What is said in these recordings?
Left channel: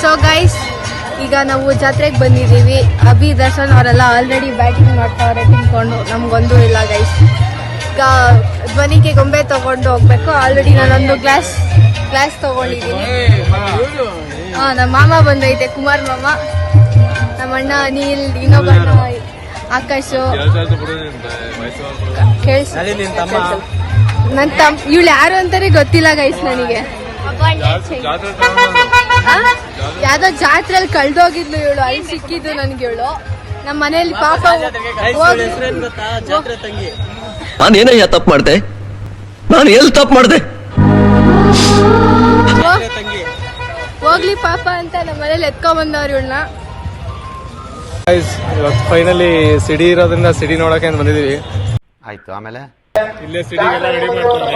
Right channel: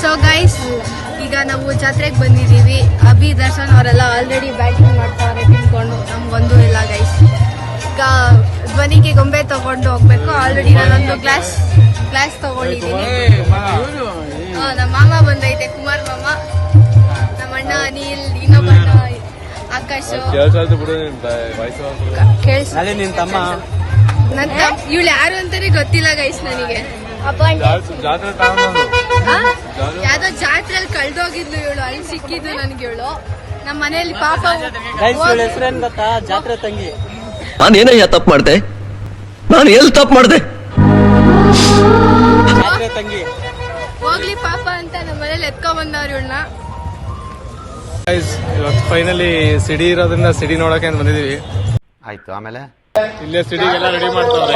So guys, ಈಗ ನಾವು ಜಾತ್ರೆಗೆ ಬಂದಿದ್ದೀವಿ. ಅಭಿ ದರ್ಶನ್ ಅವರೆಲ್ಲ ಆಲ್ರೆಡಿ ಬ್ಯಾಟಿಂಗ್ ಮಾಡ್ತಾರೆ ತಿನ್ಕೊಂಡು. ನಮ್ಗೊಂದು ಇಲ್ಲ ಗೈಸ್. ಈಗ ಧ್ವನಿಗೆ ಗೊಂಬೆ ತಗೊಂಡು ಹೋಗ್ಬೇಕು. ಆಲ್ರೆಡಿ ನಾನೊಂದು ಗ್ಲಾಸ್ ತಗೊಂಡಿದ್ದೀನಿ. ನಮ್ಮ ಮಾಮ ಬಂದೈತೆ, ಕುಮಾರ್ ಮಾಮ, ನಮ್ಮ ಅಣ್ಣ ಅನಿಲ್, ಇನ್ನೊಬ್ಬ ಆಕಾಶ್, ನನ್ನ ಇವಳು ಯಾರು ಅಂತಾನೆ ಗೊತ್ತಿಲ್ಲ ಗೈಸ್ ನನಗೆ. ಯಾವ್ದೋ ಜಾತ್ರೆಯಲ್ಲಿ ಕಳ್ದೋಗಿದ್ಲು ಇವಳು, ಅಲ್ಲಿ ಸಿಕ್ಕಿದ್ದು ನನ್ಗೆ ಇವಳು. ನಮ್ಮ ಮನೆಯಲ್ಲಿ ಪಾಪ ನಾನೇನಯ್ಯ ತಪ್ಪು ಮಾಡ್ದೆ, ನಾನು ಎಲ್ಲಿ ತಪ್ಪು ಮಾಡ್ದೆ, ಹೋಗ್ಲಿ ಪಾಪ ಅಂತ ನಮ್ಮ ಮನೇಲಿ ಎತ್ಕೊಂಡ್ ಬಂದವ್ರು ಇವಳನ್ನ. ಇವತ್ತು ಫೈನಲಿ ಸಿಡಿ ಇರೋದ್ರಿಂದ ಸಿಡಿ ನೋಡಕ್ಕೆ ಬಂದಿದೀವಿ. ಆಯ್ತು, ಆಮೇಲೆ ಇಲ್ಲೇ ಸಿಡಿಗೆಲ್ಲ ರೆಡಿ ಮಾಡ್ತಾರೆ,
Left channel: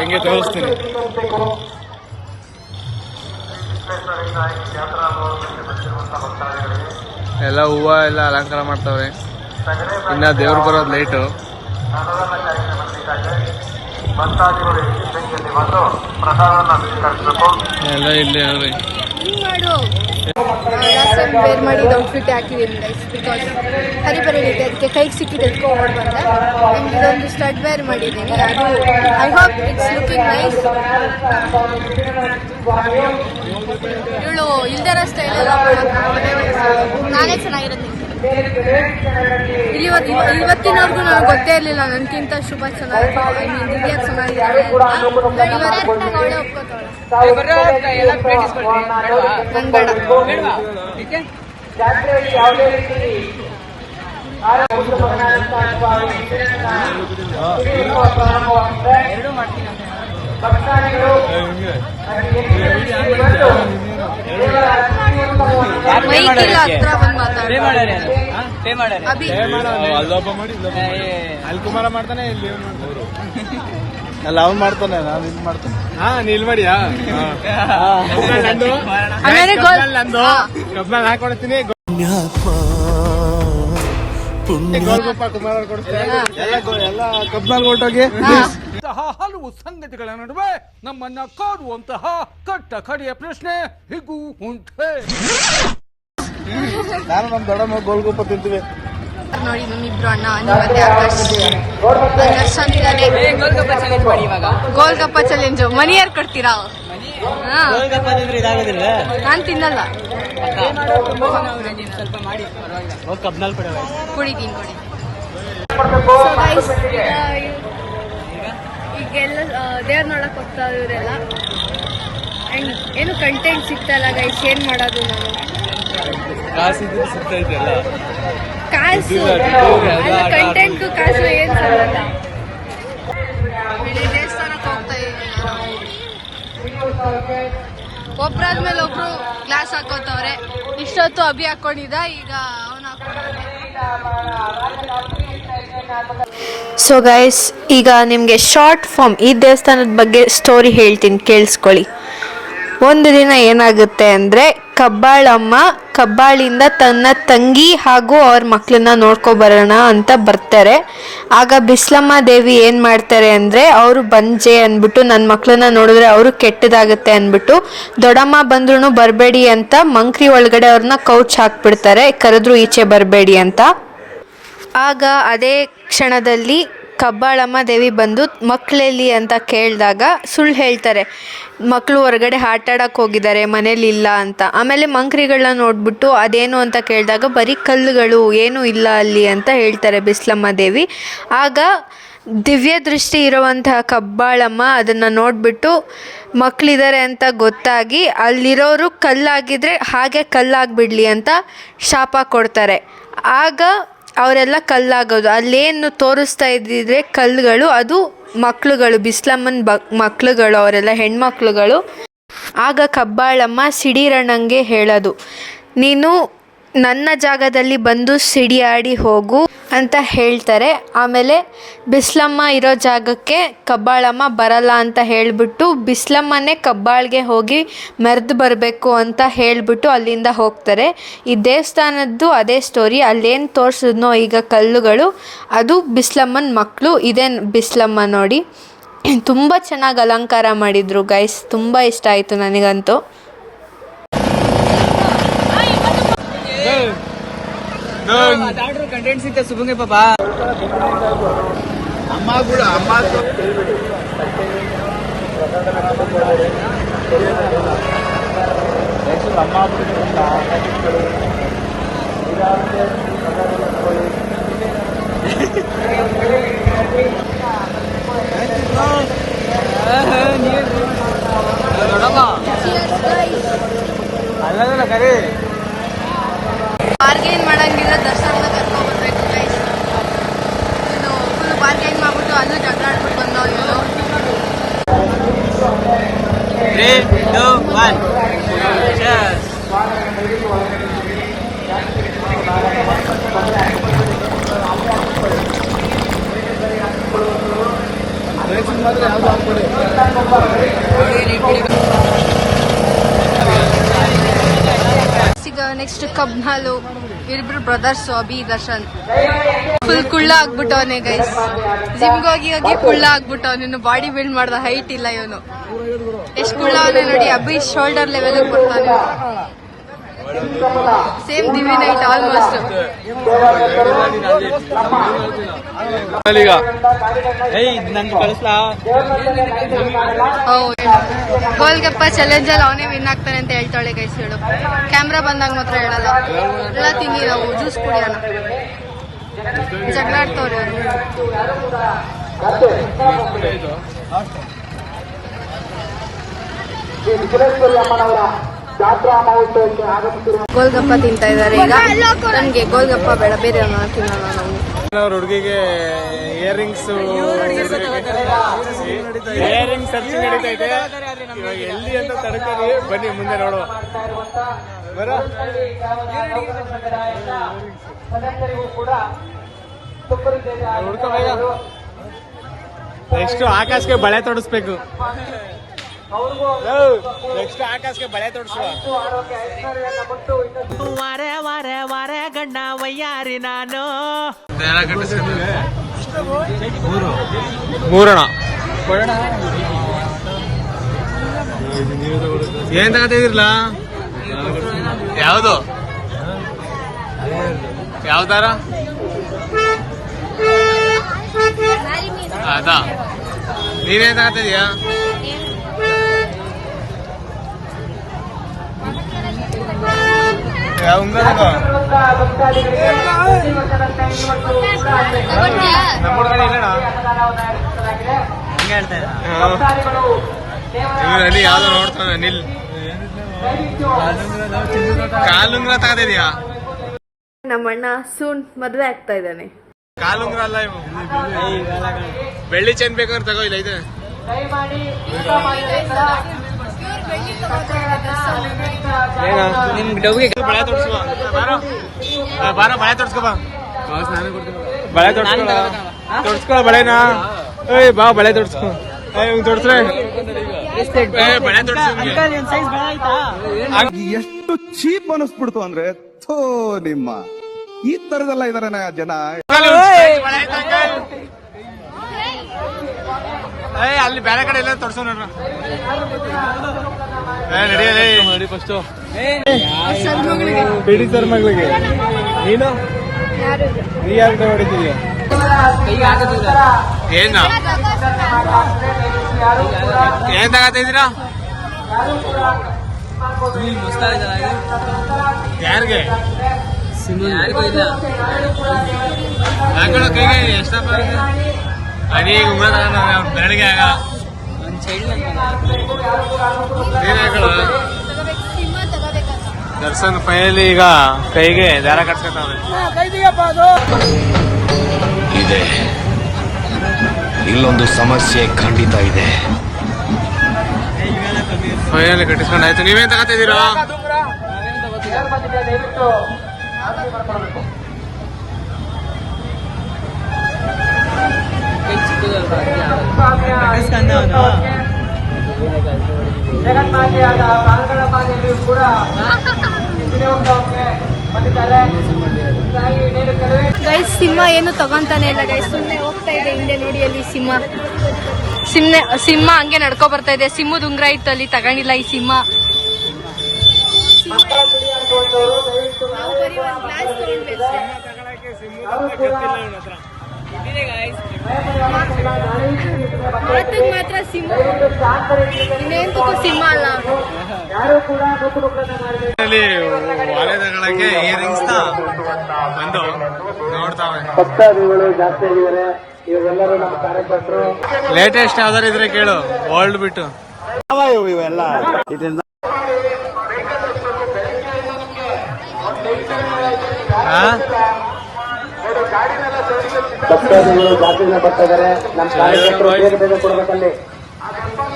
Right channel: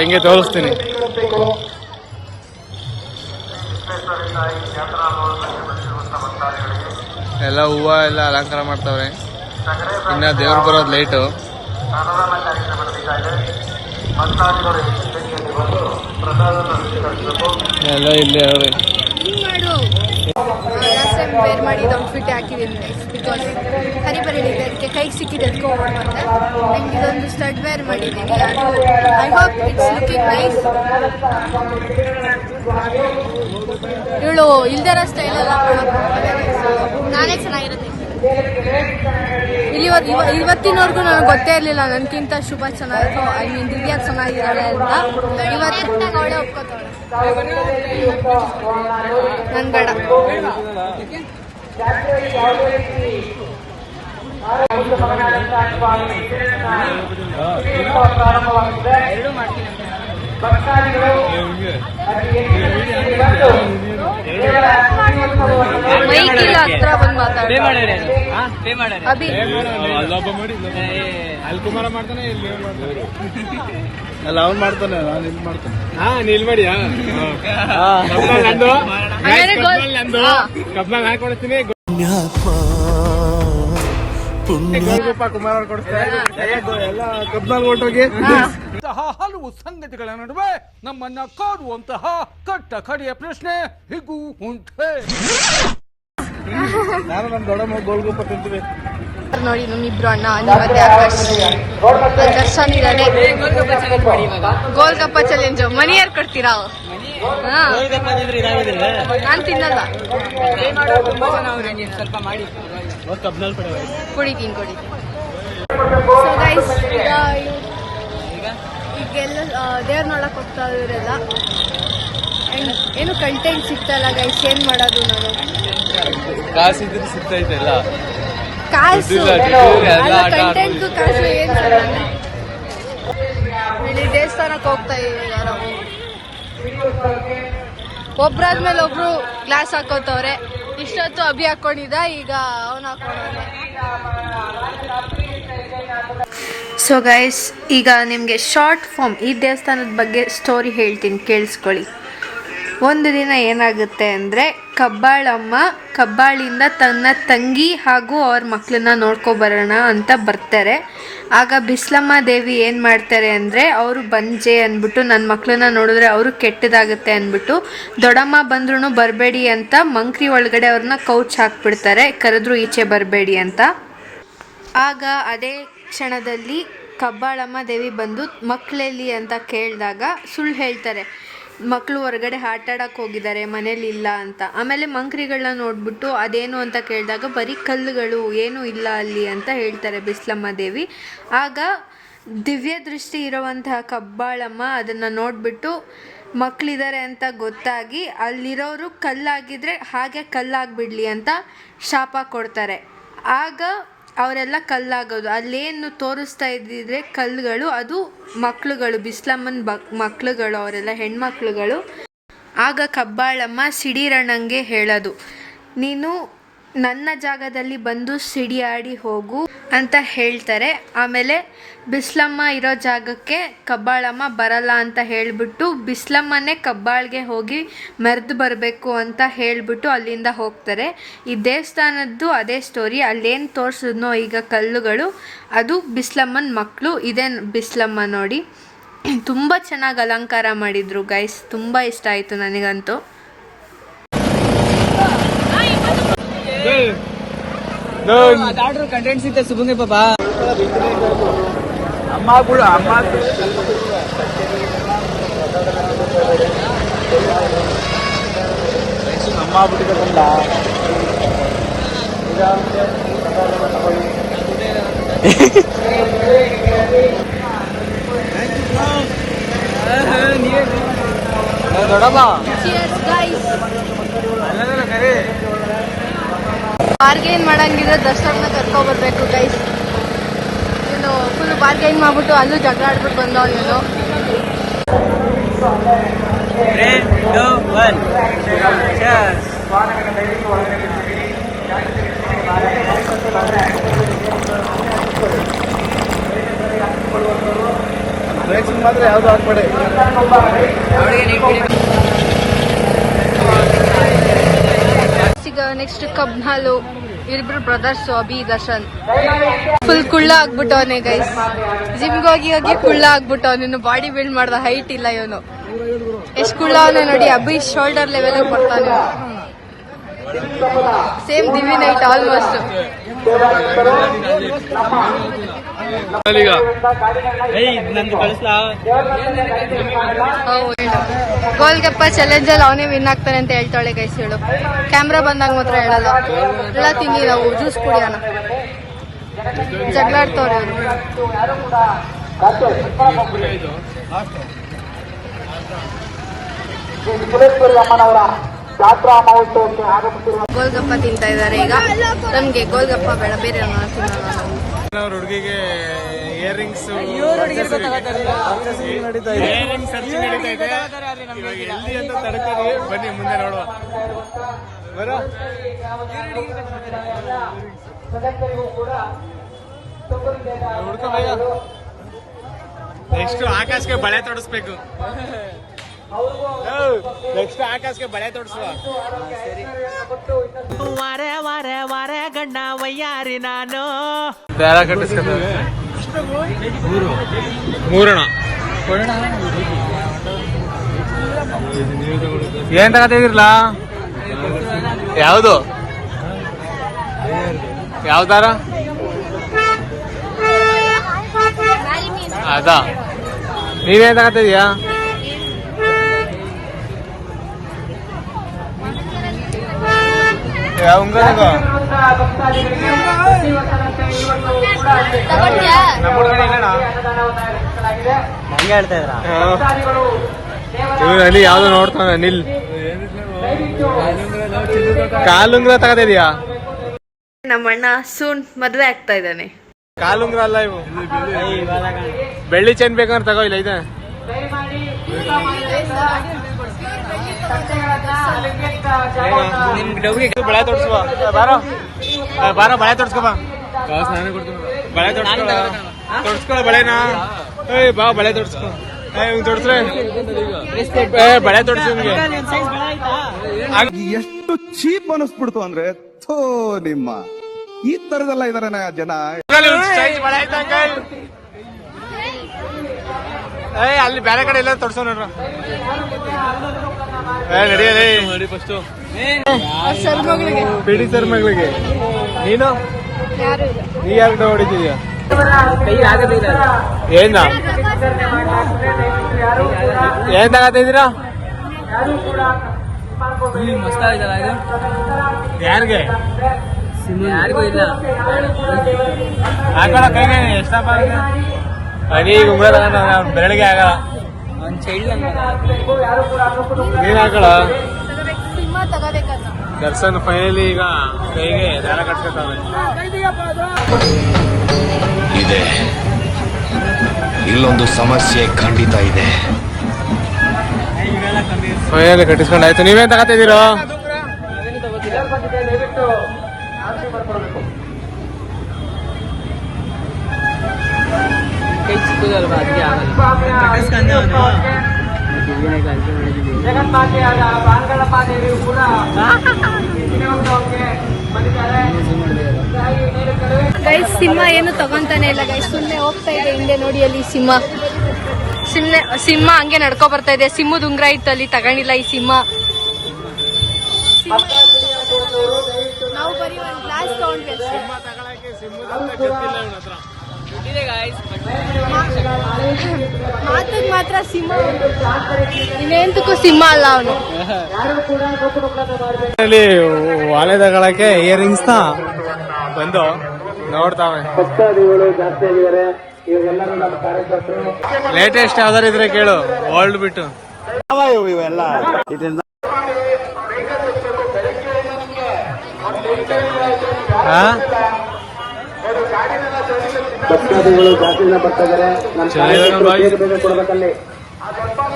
ಹೆಂಗೆ ತೋರಿಸ್ತೀನಿ. ಎಲ್ಲ ಹೂವ ಎಲ್ಲ ಅಲಂಕಾರ ಮಾಡ್ತಾವ್ರೆ. ಇನ್ನ ದೇವ್ರು ಬರೋದು ಲೇಟು. ಎಲ್ಲ ಇಲ್ಲೇ ಅವ್ರಿ. ಲಾಸ್ಟ್ ಟೈಮ್ ವೇರ್ ಮಾಡಿದ ಔಟ್ಫಿಟ್ ಹಾಕಿದ್ದೀನಿ ಗೈಸ್, ಬಿಕಾಸ್ ಹರಿಬರಿಲಿದೆ, ಅದಕ್ಕೆ ಕೈಗೆ ಸಿಕ್ಕಿದ್ದು ಎತ್ಕೊ ಓಡ್ ಬಂದೆ. ನಂಗೆ ಇದೊಂದು ಸ್ಟಡ್ ವೇರ್ ಮಾಡಿದ್ದೀನಿ. ಅದು I hope it's looking nice. ಇವಳು ಇಲ್ದರ ಸ್ಟೈಲ್ ಎಲ್ಲ ನಾನೇ ಚೆನ್ನಾಗಿರುತ್ತೆ. ಇವತ್ತಿನವರೆಗೂ ನನಗೆ ಗೊತ್ತೇ ಇರಲಿಲ್ಲ ನನಗಿಂತ ಶುಭ ಚೆನ್ನಾಗಿತ್ತು, ಐ ಮೀನ್ ದಿವ್ಯಾ ಚೆನ್ನಾಗಿದ್ದಾಳೆ ಅಂತ. ಇವತ್ತು ಅವಳೆ ಒಪ್ಕೋತಾವಳೆ, ನನ್ ಬೇಡ. ಮೈಕಿಲ್ಲ ಹತ್ರ ಬಂದು ಮಾತಾಡಿ. ಅಭಿ ಅಲ್ಲಿ ಕುಮಾರ ಮಾಡ್ತಾನೆ, ಇಲ್ಲಿ ಅಲ್ಲ ಅವ್ನು ಮಾಡ್ತಾನೆ, ನಾನು ಇಲ್ಲಿ ಮಾಡ್ತಾನೆ. ನೀಲ್ ಮಾಡಿ ನಂದು ಕಬ್ನಾಗ ಹಾಕೊಡ್ತೀನಿ. ಕುಮಾರ ಕೊಡ್ತೀನಿ ಎಲ್ಲ ಕಬ್ನಾಗ ಹೊರಟೋಗಿ. ಹಲವು ಸಂಗತಿಗಳ ನಡುವೆ ನಮ್ಮನ್ನ ಕಾಡುವಂತಹ ಕಟ್ಟ ಕಡೆಯ ಪ್ರಶ್ನೆ ಹೀಗೂ ಉಂಟೆ. ನಾನು ನಮ್ಮ ದೊಡ್ಡಮ್ಮ ಗೋಲ್ಗುಪ್ಪ ತಿಂತೀವಿ ನೋಡಿ. ನಮ್ಮಿಬ್ರು ಅಣ್ಣ ಮತ್ತೆ ಆಕಾಶ್, ದರ್ಶನ್ ಇದ್ದಾನೆ. ಗೋಲ್ಗಪ್ಪ ಚಾಲೆಂಜ್ ಮನಿ ಯಾರು ಕೊಡ್ತೀರಾ? ನಾನ್ ತಿನ್ನಲ್ಲ, ಕುಡಿತೀನಿ. ಈಗೆಲ್ಲ ದೇವ್ರ ನೋಡಕ್ ಹೋಗ್ತಾ ಇವರೆಲ್ಲ. ಅಂಡ್ ಏನು ಕಂಟೆಂಟ್ ಸಿಗ್ತಲ್ಲ ಗೈಸ್, ಏನ್ ಮಾಡೋದು ನಾನು? ಕಾಸು ಅಲ್ಲ, ಕಂಟೆಂಟ್ಗೂ ಕಾಸು ಏನ್ ಸಂಬಂಧ? ಇಲ್ಲಿ ದೇವಸ್ಥಾನಕ್ಕೆ ಹೋಗ್ತಾ ಇದೀವಿ. ಒಬ್ರಾದ್ಮೇಲೆ ಒಬ್ರು ಗ್ಲಾಸ್ ಹಾಕೋತವ್ರೆ. ಇಷ್ಟೊತ್ತು ಅಭಿ ಹಾಕೊಂಡಿದ್ದ, ಈಗ ಅವನು ಹಾಕೊಂಡವ್ರೆ. ಸೊ ಗೈಸ್, ಈಗ ನಿಮಗೆ ಶಾರ್ಟ್ ಫಾರ್ಮ್ ಈ ದೇವಸ್ಥಾನದ ಬಗ್ಗೆ ಸ್ಟೋರಿ ಹೇಳ್ತೀನಿ, ಕೇಳಿಸ್ಕೊಳ್ಳಿ. ಒಂದು ದಿನ ಏನಾಗುತ್ತೆ ಅಂದರೆ, ಕಬ್ಬಾಳಮ್ಮ ಕಬ್ಬಾಳಿಂದ ತನ್ನ ತಂಗಿ ಹಾಗೂ ಅವ್ರ ಮಕ್ಕಳನ್ನ ನೋಡ್ಕೊಬರೋಣ ಅಂತ ಬರ್ತಾರೆ. ಆಗ ಬಿಸ್ಲಮ್ಮ ದೇವಿ ಏನು ಮಾಡ್ತಾರೆ ಅಂದರೆ, ಅವರು ಬಂಜೆ ಅಂದ್ಬಿಟ್ಟು ನನ್ನ ಮಕ್ಕಳನ್ನ ನೋಡಿದ್ರೆ ಅವರು ಕೆಟ್ಟದಾಗುತ್ತೆ ಅಂದ್ಬಿಟ್ಟು ದೊಡ್ಡಮ್ಮ ಬಂದ್ರೂ ಬರಬೇಡಿ ಅಂತ ಮಂಕ್ರಿ ಒಳಗಡೆ ಅವ್ರನ್ನ ಕೌಚ್ ಹಾಕ್ಬಿಡ್ತಾರೆ, ಕರೆದ್ರೂ ಈಚೆ ಬರಬೇಡಿ ಅಂತ. ಆಗ ಅದೇ ಕ್ಷಣದಲ್ಲಿ ಕಬ್ಬಾಳಮ್ಮ ದೇವಿ ಬಂದು ಮಕ್ಕಳೆಲ್ಲಿ ಅಂತ ಕೇಳಿದಾಗ ಸುಳ್ಳು ಹೇಳ್ತಾರೆ, ಮಕ್ಕಳು ಹೊರಗಡೆ ಆಟಾಡಕ್ಕೆ ಹೋಗಿದ್ದಾರೆ, ಮನೇಲಿ ಇಲ್ಲ ಅಂತ. ಆಮೇಲೆ ಮಂಕ್ರಿಗಳನ್ನ ನೋಡ್ಬಿಟ್ಟು ಅದೇನು ಅಂತ ಕೇಳಿದಾಗ ಬರೀ ಕಲ್ಲುಗಳು, ಏನೂ ಇಲ್ಲ ಅಲ್ಲಿ ಅಂತ ಹೇಳ್ತಾರೆ ಬಿಸ್ಲಮ್ಮ ದೇವಿ. ಆಗ ದಿವ್ಯ ದೃಷ್ಟಿ ಇರುವಂತಹ ಕಬ್ಬಾಳಮ್ಮ ಅದನ್ನು ನೋಡಿಬಿಟ್ಟು ಮಕ್ಕಳಿದ್ದಾರೆ ಅಂತ ಗೊತ್ತಾಗಿ ಅಲ್ಲಿರೋರು ಕಲ್ಲಾಗಿದ್ದರೆ ಹಾಗೆ ಕಲ್ಲಾಗಿಬಿಡಲಿ ಅಂತ ಶಾಪ ಕೊಡ್ತಾರೆ. ಆಗ ಅವರೆಲ್ಲ ಕಲ್ಲಾಗೋದು. ಅಲ್ಲೇನು ತೋರಿಸ್ತಾ ಇದ್ದಿದ್ರೆ ಕಲ್ಲುಗಳು, ಅದು ಮಕ್ಕಳುಗಳು, ಬಿಸ್ಲಮ್ಮನ ಮಕ್ಕಳುಗಳು, ಅವರೆಲ್ಲ ಹೆಣ್ಮಕ್ಳುಗಳು. ಆಗ ಕಬ್ಬಾಳಮ್ಮ ಸಿಡಿರಣ್ಣಂಗೆ ಹೇಳೋದು, ನೀನು ನನ್ನ ಜಾಗದಲ್ಲಿ ಬಂದು ಸಿಡಿಯಾಡಿ ಹೋಗು ಅಂತ ಹೇಳ್ತಾರೆ. ಆಮೇಲೆ ಬಿಸ್ಲಮ್ಮ ಇರೋ ಜಾಗಕ್ಕೆ ಕಬ್ಬಾಳಮ್ಮ ಬರಲ್ಲ ಅಂತ ಹೇಳಿಬಿಟ್ಟು ಬಿಸ್ಲಮ್ಮನೇ ಕಬ್ಬಾಳಿಗೆ ಹೋಗಿ ಮೆರೆದು ಬರಬೇಕು ಅಂತ ಹೇಳಿಬಿಟ್ಟು ಅಲ್ಲಿಂದ ಹೋಗ್ತಾರೆ. ಈ ದೇವಸ್ಥಾನದ್ದು ಅದೇ ಸ್ಟೋರಿ. ಅಲ್ಲೇನು ತೋರಿಸಿದ್ನೋ ಈಗ ಕಲ್ಲುಗಳು, ಅದು ಬಿಸ್ಲಮ್ಮನ ಮಕ್ಕಳು. ಇದೇ ಬಿಸ್ಲಮ್ಮ ನೋಡಿ. ತುಂಬ ಚೆನ್ನಾಗಿ ಅಲಂಕಾರ ಮಾಡಿದರು ಗೈಸ್, ತುಂಬ ಇಷ್ಟ ಆಯಿತು ನನಗಂತೂ. ಕಂಟೆಂಟ್ ಸಿಗ್ತದೆ ಸುಮ್ಮನೆ ಪಾಪಾ ಅಮ್ಮ ಕೂಡ ಅಮ್ಮ ದೊಡ್ಡಮ್ಮ ಅಲ್ಲ ಕರೆ ಬಾರ್ಗೇನ್ ಮಾಡಂಗಿದ್ರೆ ದರ್ಶನ ಕರ್ಕೊಬರ್ಬೇಕು ಗೈಸ್. ನೀನು ಫುಲ್ ಬಾರ್ಗೇನ್ ಮಾಡ್ಬಿಟ್ಟು ಅಲ್ಲೂ ಜಗಳ ಆಡ್ಬಿಟ್ಟು ಬಂದವ್ ನೀನು. 3, 2, 1 Cheers. ಬ್ರೇಕಿಂಗ್ ಮಾತ್ರ ಯಾವ್ದು ಹಾಕ್ಬೇಡಿ. ಈಗ ನೆಕ್ಸ್ಟ್ ಕಬ್ನಾಲು ಇಬ್ರು ಬ್ರದರ್ಸ್ ಅಭಿ ದರ್ಶನ್ ಫುಲ್ ಕುಳ್ಳ ಆಗ್ಬಿಟ್ಟವನೆ ಗೈಸ್. ಜಿಮ್ಗೆ ಹೋಗಿ ಹೋಗಿ ಕುಳ್ಳ ಆಗ್ಬಿಟ್ಟವ್. ಇನ್ನು ಬಾಡಿ ಬಿಲ್ಡ್ ಮಾಡ್ದ ಹೈಟ್ ಇಲ್ಲ ಇವನು. ಎಷ್ಟು ಕುಳ್ಳ ಅವನೇ ನೋಡಿ. ಅಭಿ ಶೋಲ್ಡರ್ ಲೆವೆಲ್ ಬರ್ತಾನೆ. Same Divi night almost. Golgappa challenge ಅಲ್ಲಿ ಅವನೇ ವಿನ್ ಆಗ್ತಾನೆ ಅಂತ ಹೇಳ್ತಾಳೆ ಗೈಸ್ ಹೇಳು. ಕ್ಯಾಮ್ರಾ ಬಂದಾಗ ಮಾತ್ರ ಹೇಳಲ್ಲ. ಎಲ್ಲ ತಿಂದಿ ನಾವು ಜ್ಯೂಸ್ ಕುಡಿಯೋಣ. ಜಗಳಾಡ್ತವ್ರಿ ಇವರು. ಗೋಲ್ಗಪ್ಪ ತಿಂತಾ ಇದಾರೆ ಈಗ. ನನ್ಗೆ ಗೋಲ್ಗಪ್ಪ ಬೇಡ, ಬೇರೆ ತಿನ್ನೋಣ ನಾವು. ಹುಡುಗಿಗೆ ಇಯರಿಂಗ್ಸ್ ಸರ್ಚಿಂಗ್ ನಡೀತಾ ಇದೆ. ಇವಾಗ ಎಲ್ಲಿ ಅಂತ ತಡ್ಕೊಂಡು ಬನ್ನಿ ಮುಂದೆ ನೋಡುವ. ನೆಕ್ಸ್ಟ್ ಆಕಾಶಕ್ಕೆ ಬಳೆ ತೊಡಸ್ಬೇಕು. ನೆಕ್ಸ್ಟ್ ಆಕಾಶಕ್ಕೆ ಬಳೆ ತೊಡಸುವ. ವಾರೆ ವಾರೆ ವಾರೆ ಗಣ್ಣ ವಯ್ಯಾರಿ ನಾನು ದಾರ ಕಟ್ಟಿಸ್ಕೊತಾರೆ. ಮೂರಣ ಏನ್ ತಗತಿದಿರ್ಲ? ಯಾವ್ದು ಯಾವ್ದಾರ ಅದಾ? ನೀವೇನ್ ತಗತಿದ್ಯಾ? ಯಾವ್ದು ನೋಡ್ತಾನ ನಿಲ್. ಕಾಲುಂಗ್ರ ತಗದಿದ್ಯಾ? ನಮ್ಮಣ್ಣ ಸೂನ್ ಮದ್ವೆ ಆಗ್ತಾ ಇದ್ದಾನೆ. ಕಾಲುಂಗ್ರ ಅಲ್ಲ ಇವು, ಬೆಳ್ಳಿ ಚೈನ್ ಬೇಕಂದ್ರೆ ತಗೋ. ಇಲ್ಲ ಇದೆ ಬಳೆ ತೋರ್ಸುವ. ಬಾರೋ ಬಾರೋ ಬಳೆ ತೋರ್ಸ್ಕೊ ಬಾ. ಬಳೆ ತೋರ್ಸ್ಕೊ ತೋರ್ಸ್ಕೊ ಬಳೆನಾ. ಏಯ್ ಬಾ ಬಳೆ ತೋರ್ಸ್ಕೊ. ಬಳೆ ತೋರ್ಸು ನಿಮ್ಗೆ. ಎಷ್ಟು ಚೀಪ್ ಅನಿಸ್ಬಿಡ್ತು ಅಂದ್ರೆ ಥೋ ನಿಮ್ಮ ಈ ತರದೆಲ್ಲ ಇದಾರೆ ಜನ. ಅಲ್ಲಿ ಬೇರೆ ಕಡೆ ಎಲ್ಲ ತೋರ್ಸೋ ನೋಡ್ರ. ನಡಿ ಫಸ್ಟ್ ಪಿಡಿ ಸರ್ ಮಗಳಿಗೆ. ನೀನು ನೀ ಯಾರು ಹೊಡಿತೀಯ? ಏನ ಏನ್ ತಗತಿದ್ದೀರಾ? ಯಾರಿಗೆ ಹಾಕೋಣ ಕೈಗೆ ಎಷ್ಟಪ್ಪ? ಈಗ ಉಂಗ್ರ ತಗೊಂಡ ಬೆರಳಿಗೆ ಆಗ ನೀನ್ ಹಾಕೋಣ. ದರ್ಶನ್ ಫೈನಲಿ ಈಗ ಕೈಗೆ ದಾರ ಕಟ್ಸ್ಕೊತಾವ್ರೆ. ಇದೆ, ಇಲ್ಲೊಂದು ಸಮಸ್ಯೆ ಖಂಡಿತ ಇದೆ. ಫೈನಲಿ ಕಟ್ಟಿಸ್ಕೊಂಡಾಯ್ತು. ನೀವೇನ್ ತಗತಿದ್ದೀರೋ? ಗೈಸ್ ಸಿಂಹ ಏನು ತಗೊಂತಾನೆ ಇಲ್ಲ ಗೈಸ್, ಸುಮ್ಮನೆ ಹೋಗ್ತಾ ಇದೆ ಹಿಂದೆ ನೋಡಿ. ಅಲ್ಲಿ ಸಿಂಹ ಸಿಂಹ ಹಂಗೆ ನಡ್ಕೊ ಬರ್ತಾ ಇದೆ. ಸಿಂಹದ ಉಂಗ್ರ ಇತ್ತು ಅಲ್ಲಿ, ತಗೊಂಡಿಲ್ಲ ಈ ಸಿಂಹ. ಮಾತಿಗೆ ಮಾತ್ರ ಸಿಂಹ, ಇನ್ನೇಂತಕ್ಕೂ ಸಿಂಹ ಅಲ್ಲ ಅವನು. ಒಲೆ ತಗೊಳಕ್ಕೆ ಇಯರಿಂಗ್ಸ್ ನ ಬಂದು ನೋಡ್ತಾವೆ. ಲೇಟೆಸ್ಟ್ ಯಾವ್ದಾರು ಇದ್ರೆ ಕೇಳು, ಓಲ್ಡ್ ಬಿಟ್ಟು. ಇವೆಲ್ಲ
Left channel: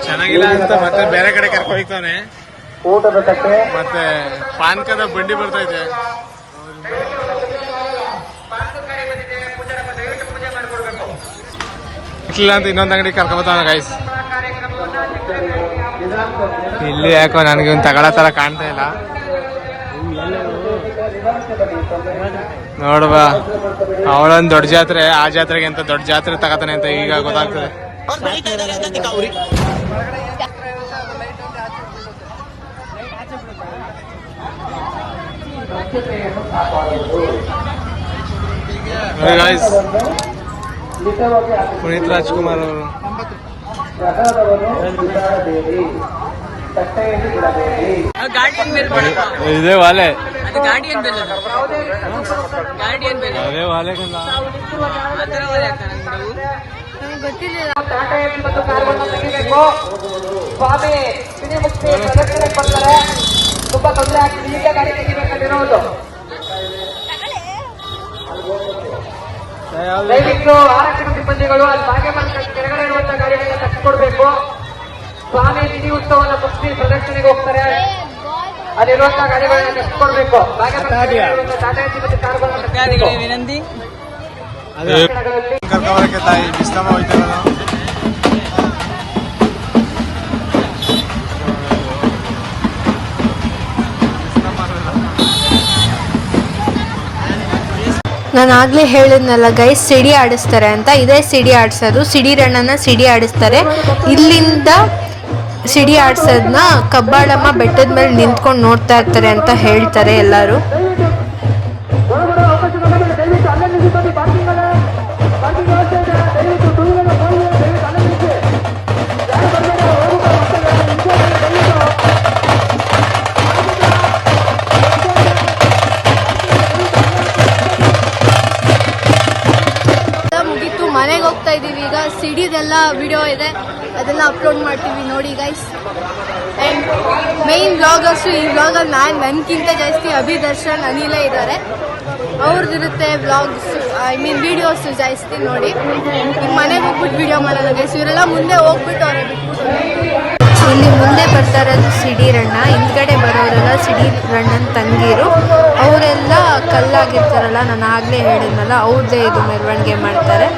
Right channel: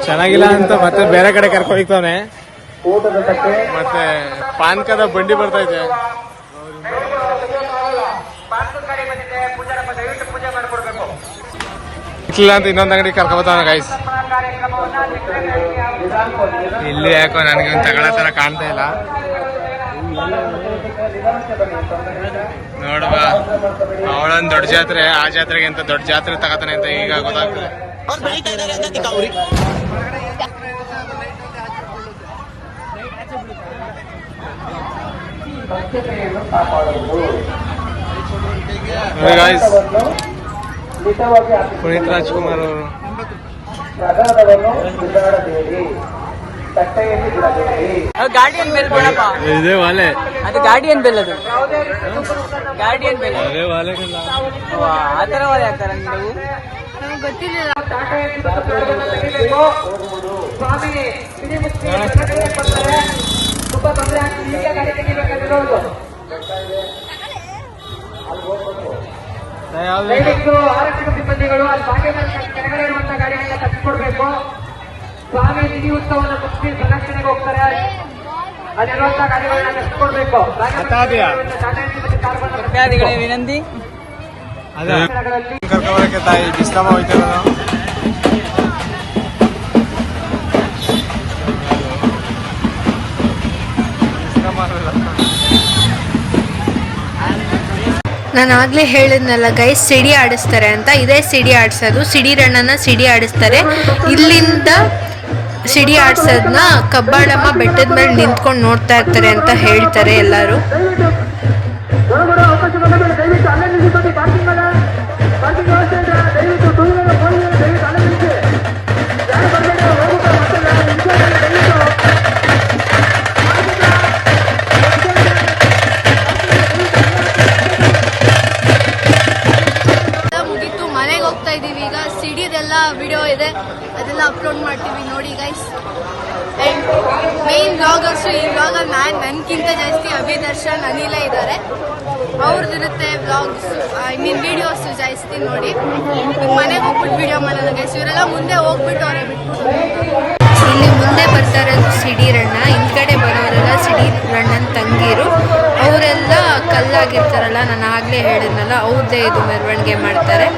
ಚೆನ್ನಾಗಿಲ್ಲ ಅಂತ ಮತ್ತೆ ಬೇರೆ ಕಡೆ ಕರ್ಕೊಂಡಿರ್ತಾನೆ. ಮತ್ತೆ ಪಾನ್ಕದ ಬಂಡಿ ಬರ್ತೈತೆ. ಇಲ್ಲ ಅಂತ ಇನ್ನೊಂದ್ ಅಂಗಡಿ ಕರ್ಕೊಬತ್ತಾನ ಗೈಸ್. ಇಲ್ಲಿ ಯಾಕೋ ನನಗೆ ಒಂದು ತಗೊಳ್ಳೋ ತರ ಕಾಣ್ತಾ ಇಲ್ಲ. ನೋಡುವ, ಅವಳೊಂದು ದೊಡ್ಡ ಜಾತ್ರೆ, ಆ ಜಾತ್ರೆಗೆ ಅಂತ ದೊಡ್ಡ ಜಾತ್ರೆ ತಗೋತಾನೆ ಅಂತ ಈಗ ಗೊತ್ತಾಗ್ತದೆ. ನೋಡಿ ಗಾಯ್ಸ್, ಪುನೀತ್ ರಾಜ್ಕುಮಾರ್ ಅವರು ಇದೇ ವಾಲೆ, ಅದೇ ವಾಲೆ ದಯವಿಟ್ಟು ಆರಕ್ಷಕ ಸಿಬ್ಬಂದಿಗಳು ಅಲ್ಲಿ ಬಾಗೆ ಕೆಳಗಡೆ ಇರುವಂತಹ ಗಾಡಿಗಳನ್ನ ತಪ್ಪಿಕೊಡ್ಬೇಕು. ಸ್ವಾಮಿ ತಿಥಿ ಉತ್ಸವದ ಪಕ್ಷಿ ಪ್ರದರ್ಶನೆಗೆ ಹೋಗ್ತಾರೆ, ಅಲ್ಲಿರುವಂತಹ ಗಾಡಿಗಳನ್ನ ತಪ್ಪಿಕೊಡ್ಬೇಕು. ಕರ್ಕೊಂಬರಕ್ಕೆ ತಾಯಿ ಡಿಸ್ಕಮ್ ಹೋಯ್ತಿರೋದು. ನಾನು ಆಗಲೇ ಹೇಳಿದ್ನಲ್ಲ ಗೈಸ್, ಸಿಡಿ ಆಡಿಸ್ತಾರೆ ಅಂತ. ಇದೇ ಸಿಡಿ ಆಡಿಸೋದು, ಸಿಡಿ ರಣ್ಣನ ಸಿಡಿ ಆಡಿಸ್ತಾರೆ. ಇಲ್ಲಿಂದ ಸಿಡಿ ಆಡಿಸೋದನ್ನ ಕಬ್ಬಾಳಮ್ಮ ಬೆಟ್ಟದ ಮೇಲೆ ನಿಂತ್ಕೊಂಡು ನೋಡ್ತಾ ಇರ್ತಾರೆ ಅಂತ ಹೇಳ್ತಾರೆ ಎಲ್ಲರೂ. ಮನೆಗೆ ಹೋಗ್ತಾ ಇದೀವಿ ಈಗ. ಸಿಡಿದೆಲ್ಲ ವಿಡಿಯೋ ಇದೆ, ಅದೆಲ್ಲ ಅಪ್ಲೋಡ್ ಮಾಡ್ತೀವಿ ನೋಡಿ ಗೈಸ್. ಅಂಡ್ ಮೇನ್ ವ್ಲಾಗರ್ಸ್ ಈ ವ್ಲಾಗಲ್ಲಿ ನನ್ಗಿಂತ ಜಾಸ್ತಿ ಅಭಿದರ್ಶನ್, ಅನಿಲ ಇದ್ದಾರೆ. ಅವ್ರದ್ದಿರುತ್ತೆ ವ್ಲಾಗ್ಸ್, ಐ ಮೀನ್ ವಿಡಿಯೋಸ್ ಜಾಸ್ತಿ ನೋಡಿ. ಈಗ ಮನೆಗೆ ಹೋಗ್ಬಿಟ್ಟು ವಿಡಿಯೋ ಮಾಡೋಣ ಗೈಸ್. ಇವರೆಲ್ಲ ಮುಂದೆ ಹೋಗ್ಬಿಟ್ಟು ಅವರೇ ಬಿಟ್ಬಿಟ್ಟು ಇಲ್ಲಿ ಮುಂದೆ ಬರ್ತಾ ಇರೋದು ಸಿಡಿ ರಣ್ಣ, ಹಿಂದ್ಗಡೆ ಬರೋರೆಲ್ಲ ಸಿಡಿ ರಣ್ಣನ ತಂಗಿರು. ಅವರೆಲ್ಲ ಕಲ್ಲಾಗಿರ್ತಾರಲ್ಲ, ನಾನು ಆಗಲೇ ಹೇಳಿದ್ನಲ್ಲ, ಅವ್ರದ್ದೇ ಇದು ಮೆರವಣಿಗೆ ಮಾಡ್ತಾರೆ.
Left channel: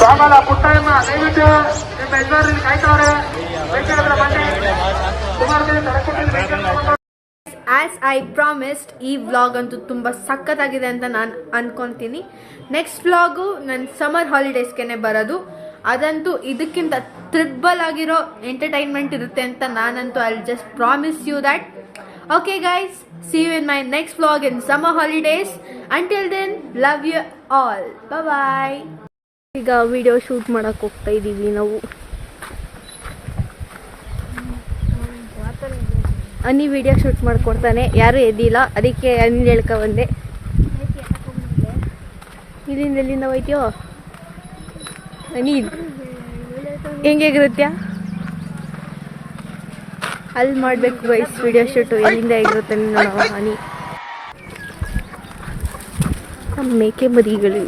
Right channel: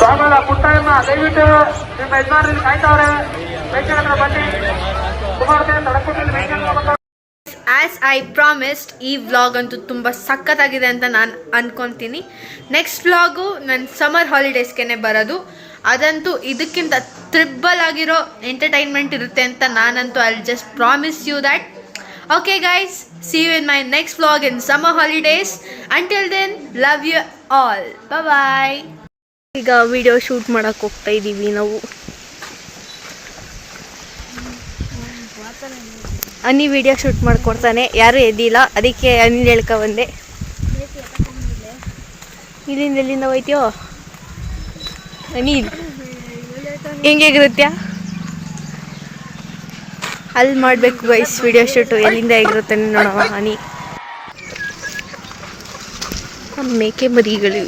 ಸೋಮಲ ಪುಟ್ಟಮ್ಮ ದಯವಿಟ್ಟು ನಿಮ್ಮ ಯಜಮಾನರಲ್ಲಿ ಕಾಯ್ತವ್ರೆ, ವೆಹಿಕಲ್ ಹತ್ರ ಬನ್ನಿ. ಆ್ಯಸ್ ಐ ಪ್ರಾಮಿಸ್ಡ್, ಈ ವ್ಲಾಗ್ ಅಂತೂ ತುಂಬ ಸಖತ್ತಾಗಿದೆ ಅಂತ ನಾನು ಅಂದ್ಕೊತೀನಿ. ನೆಕ್ಸ್ಟ್ ವ್ಲಾಗು ನನ್ನ ಸಮ್ಮರ್ ಹಾಲಿಡೇಸ್ಗೆ ಬರೋದು. ಅದಂತೂ ಇದಕ್ಕಿಂತ ಟ್ರಿಬಲ್ ಆಗಿರೋ ಎಂಟರ್ಟೈನ್ಮೆಂಟ್ ಇರುತ್ತೆ ಅಂತ ನಾನಂತೂ I just promise you that. Okay guys, see you in my next vlog in summer holidays. Until then, love you all. Bye bye. ಈಗ ವಿಡಿಯೋ ಶೂಟ್ ಮಾಡಕ್ಕೆ ಹೋಗ್ತಾ ಇದ್ದೀವಿ ನಾವು. ಅನಿ ವಿಡಿಯೋ ಶೂಟ್ ಮಾಡ್ಕೊಡ್ತಾನೆ, ಯಾರೂ ಎದ್ದಿಲ್ಲ, ಅದಕ್ಕೆ ಅನಿಲ್ ಹೇಳ್ಕೊ ಬಂದೆ. ಎಲ್ಲಿಂದ ಹೋಯ್ತೀಯೋ ಅನಿಲ್? ಹೆಂಗಿರುತ್ತ್ಯಾ ಅಲ್ಲಿ ಮಾಡಬೇಕು ಗೈಸ್ ವಿಡಿಯೋ ಶೂಟು. ಎಲ್ಲಿಂದ ಹೇಗಿರುತ್ತೆ ನೋಡೋಣ. ಹನಿ ನಮ್ಮ ಮೇಕೆ ಮರಿಗಳು.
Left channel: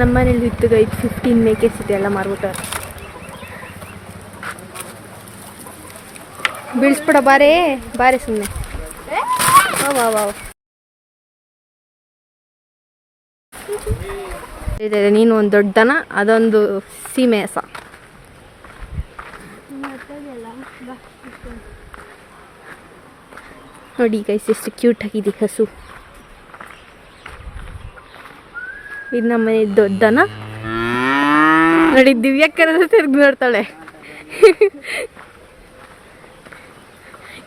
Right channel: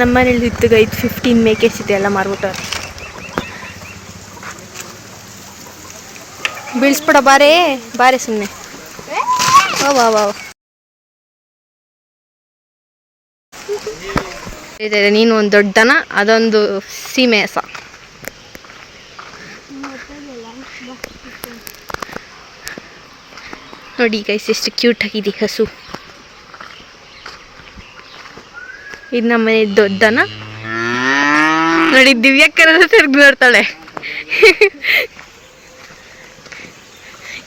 ನಮ್ಮನೇಲಿ ಇತ್ತು ಗೈದು 15 ಮೇಕೆಸ್ ಇದೆ, ಎಲ್ಲ ಮಾರ್ಬಿಟ್ಟವ್ರೆ. ಬೀಳ್ಸ್ಬಿಡ ಬಾರೇ ಬಾರೆ ಸುಮ್ಮನೆ. ಇದೆ ನೀನು ಒಂದು ದೊಡ್ಡನ, ಅದೊಂದು ಸೀಮೆ ಹಸ. ನೋಡಿ ಗೈಸ್ ಎಷ್ಟು ಕ್ಯೂಟ್ ಆಗಿದೆ ಹಸು. ಇದು ನಮ್ಮನೆ ದೊಡ್ಡನ. ನೋಡಿ ದಿವ್ಯಕ್ಕನ ತಿರ್ಗಿ ನೋಡ್ತಾಳೆ.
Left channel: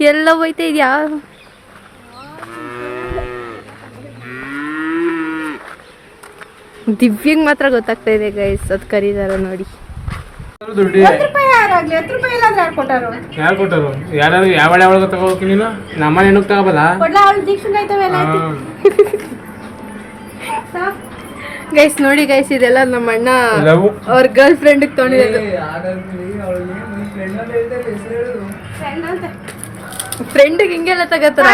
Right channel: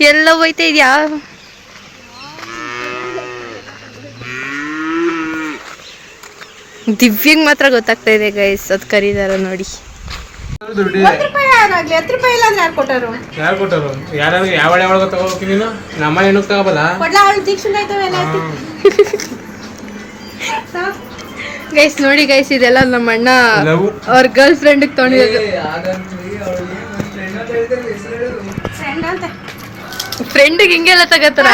ಎಲ್ಲ ಹೋಯ್ತಾ ಇದೆಯಾ? ದಿವ್ಯಂಗ್ ಮಾತ್ರ ಗೊತ್ತಾಗ್ತಾ ಇದೆ ಗೈಸ್, ಅದು ಕರೀದಾರ ನೋಡಿ. ಯಾರು ಕೊಟ್ಟರು? ಯಾರು ಯಾವ ತಗೋಬೇಕು ನೀನು? ನಮ್ಮ ಏನಕ್ಕೆ ತಗೋಬಲ್ಲ? ಗೈಸ್ ನೋಡಿ ಗೈಸ್, ಇದೆಲ್ಲ ನಮ್ಮ ಅಣ್ಣ ಅವ್ರ ಗರ್ಲ್ ಫ್ರೆಂಡ್ ತೊಗೊಂಡಿರೋದು. ಫ್ರೆಂಡಿಗೆ ಹಿಂಗೆಲ್ಲ ತಗೋತಾರ?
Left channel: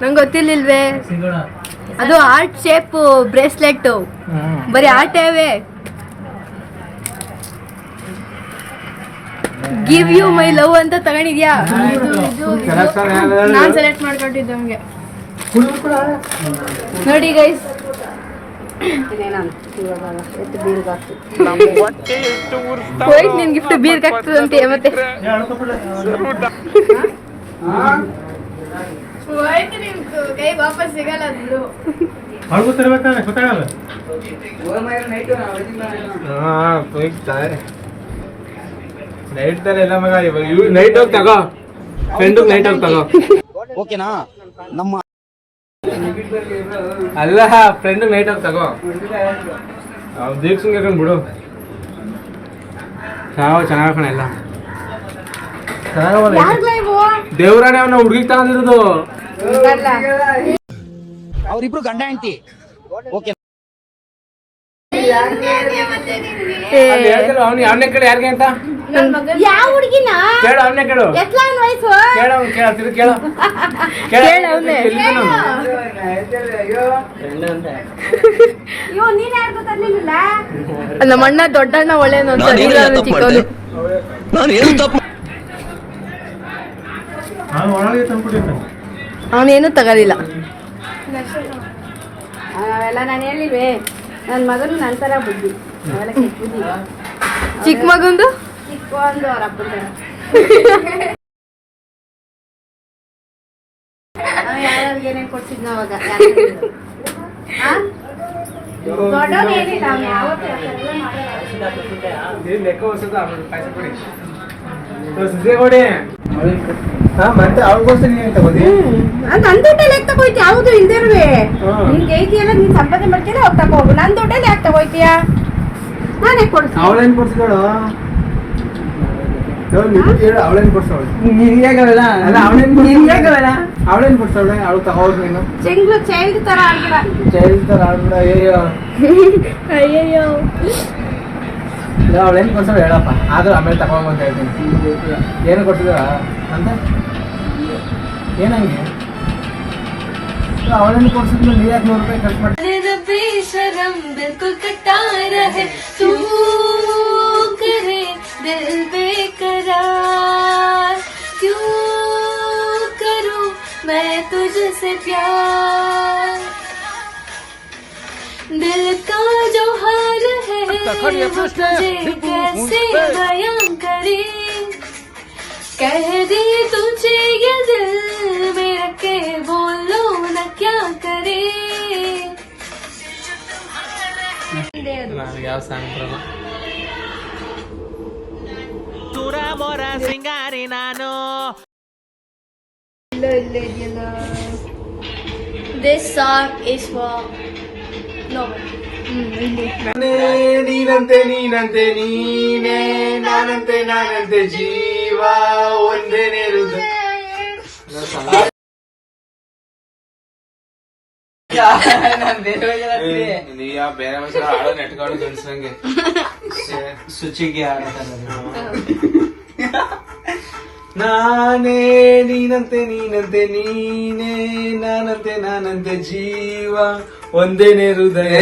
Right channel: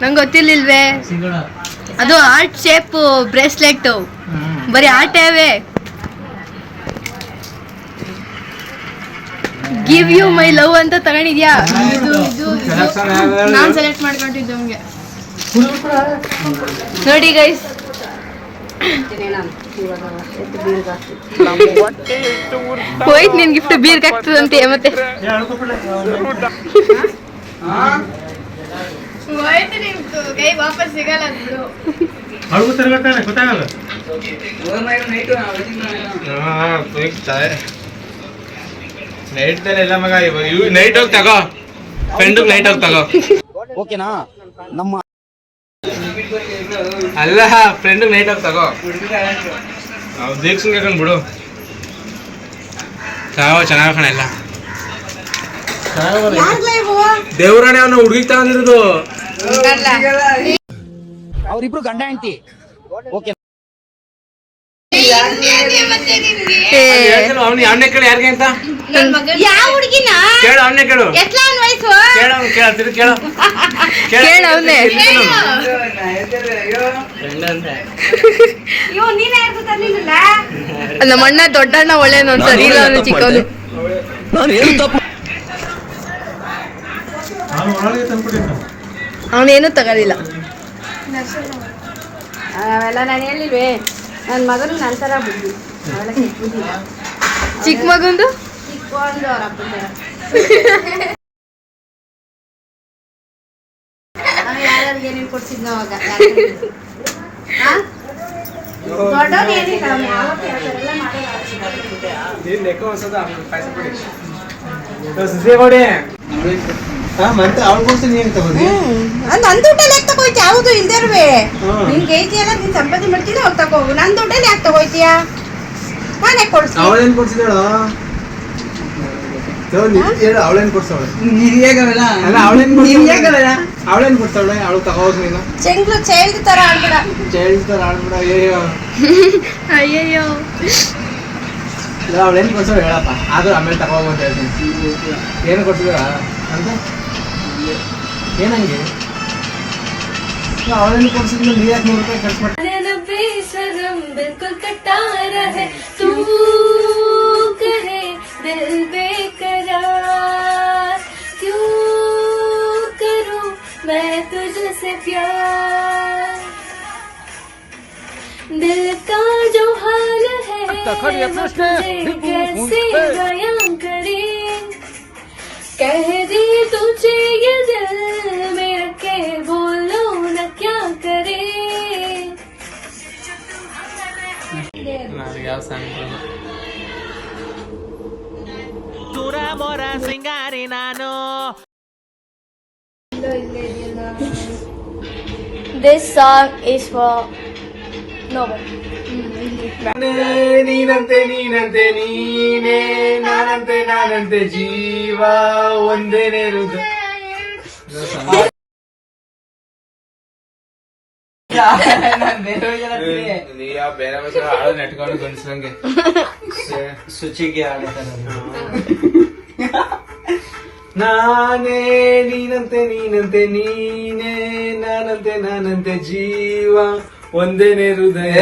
ನಂಗೆ ಗೊತ್ತಿರ್ಲಿಲ್ವೇ. ಅದು ಆರ್ಟ್ ಶೇಪ್ ಬ್ರೇಸ್ಲೆಟ್, ಬರೀ ಆಟವೇ. ಗಿವ್ ಯು ಮೈ ಲವ್ ಅಂತ ತಗೊಂಡಿದ್ಯಾ? ನಾನು ಸೆಲೆಕ್ಟ್ ಮಾಡ್ಕೊಂಡಿದ್ದೆ. ನೋಡಿ ಗೈಸ್, ಹೋಯ್ತು ನಿನ್ ಗಿಫ್ಟ್ ಬೀರ್ಗೆ ಆಗ್ತದಂತೆ. ಮತ್ತೆ ಕೈ ವಾಪಸ್ ಸಿಗಲ್ಲ. ನೈಟ್ ಎಲ್ಲ ಮಗ, ನೈಟ್ ಹೋಗಿ ತಗೋ, ಫ್ರೆಂಡ್ ನೈಟ್ ಹೋಗಿ ತಗೋ. ಓಕೆನಾ? ನಮ್ಮ ಅಲ್ಲ, ಫ್ರೆಂಡ್ ನೈಟ್ ಹೋಗಿ ತಗೋ. ದೀಕ್ಷನ್ ಕೇಳ್ಕೊಂಡು ಬಿಡು. ಚೆನ್ನಾಗ ಕಣ ಎಲ್ಲ. ದೇವ್ರಾಣೆ ಅವನ ಹುಡುಗಿಗೆ ತಗೊಂಡಿರೋದು. ಅವ್ರಿಬ್ರು ಗಂಡ ಹೆಂಡತಿ. ಓಕೆ, ಅವನೇ ಕೇಳು ಯಾರಿಗೆ ಅಂತ. ಯಾವ ಹುಡುಗಿನ ಕೇಳು, ಅವನೇ ಕೇಳು. ವಯಸ್ಸು ಕೇಳು. ಅವನೇ. ನಮ್ಮ ಅಣ್ಣ ದೊಡ್ಡಣ್ಣ ಒಳ್ಳೆನು ಅಂತ ಚಿಕ್ಕವನು. ನಾನು ಏನು ತಪ್ಪು ಅವನೇನು ತಗೊಳಿಲ್ಲ. ಅವೆಲ್ಲ ನಾನು ಹೇಳಿಲ್ವೇ, ನನ್ನ ಮಗನು ನನ್ನ ಥರ ಬುದ್ಧಿ, ಅವೆಲ್ಲ ಕೆಟ್ಟ ಬುದ್ಧಿ. ಚಿಕ್ಕ ಮಗಂದು ಚಿಕ್ಕ ಒಂದು ಅವ್ರ ಅಪ್ಪನ ಥರ. ಯಾರ್ಯಾರಿಗೆ ಏನೇನು ಕೊಡ್ಸಿದ್ನ ಅವಾಗ? ದೊಡ್ಡವ್ರು ಏನಿಲ್ಲ, ಅವ್ನು ಯಾವತ್ತೂ ಆ ಥರ ಎಲ್ಲ ಮಾಡೋದು. ಲೆಕ್ಕ ಹೊಸದ ಪಾಯಸ ಕೊಡಿ, ಸಸಿ ಕೊಡಿ. ಮತ್ತೆ ಅವ್ರಿಗೋಸ್ಕರ ನೀನು ತಗೋದಿ? ನನ್ನ ದುಡ್ಡಲ್ಲಿ ಯಾಕೆ ತಗೋಯ್ತಿ? ಯಾವುದು ಇಲ್ದಿರುವೆ ನಿನ್ಗೆ ಐತಿ ಎಲ್ಲ ನೀನು ಸಂಪಾದನೆ ಮಾಡ್ತೀನಿ, ಅವ್ರು ತಗೋಗು. ನನ್ನ ದುಡ್ಡಲ್ಲಿ ಯಾಕೆ ತಗೋಯ್ತೀಯ? ನಾನೇ ಕೊಡ್ತೀನಿ. ಅವಳೇನು ಕೊಡ್ಸಿದ ಹೇಳು? ಹೇಳು, ಅವಳೇನು ಕೊಡ್ಸವಳು? ಅವಳೇನು ಕೊಡ್ತಾವಳೆ? ಅವಳು ತಗೋದು ನೀನು. ಚೈಲ್ಡ್ ತರ ಆಡ್ಬೇಡ. ಅಯ್ಯಯ್ಯೋ. ಅವಳೇನು ಕೊಡ್ಸೋಳು ಹೇಳಪ್ಪ, ಆದ್ರೂ ಆಮೇಲೆ ತಗೋಬ ಅಂತ ಹೇಳ್ತೀನಿ. ಏನು ಕೊಡ್ತಿದ್ದೀರ ಅಂತ ಏನಂಗೆ? ಅವಳೇನು ಕೊಡ್ಸಿದ್ರು ನೀ ಯಾಕೆ ₹100 ಖರ್ಚು ಮಾಡ್ತೀನಿ? दिल का जो हाल है मुझे कैसे बयां करें, कह दी तुझे ये दिल मेरा के बोलो न क्या करे. ಯಾವ ಸಾಂಗ್ ಬರಲ್ಲ. ಸುರ ಮೊರ ಸಿಂಗಾರಿ ನಾನು. This song is for nobody. ನೀನಂತೆ ನೀನೇ, ನಾನಂತೆ ಜೀವ ಒಂದೇನೇ ಹೃದಯ. ಬೇರೆ ಹಾಡು ನೆಟ್ಕೊಂಡು ಗಂಡಸಂಗೆ ಶುಚಿಗೆ ನಾನೇ ನೀನಂತೆ ನೀನೇ, ನಾನಂತೆ ಜೀವ ಒಂದೇನೇ ಹೃದಯ.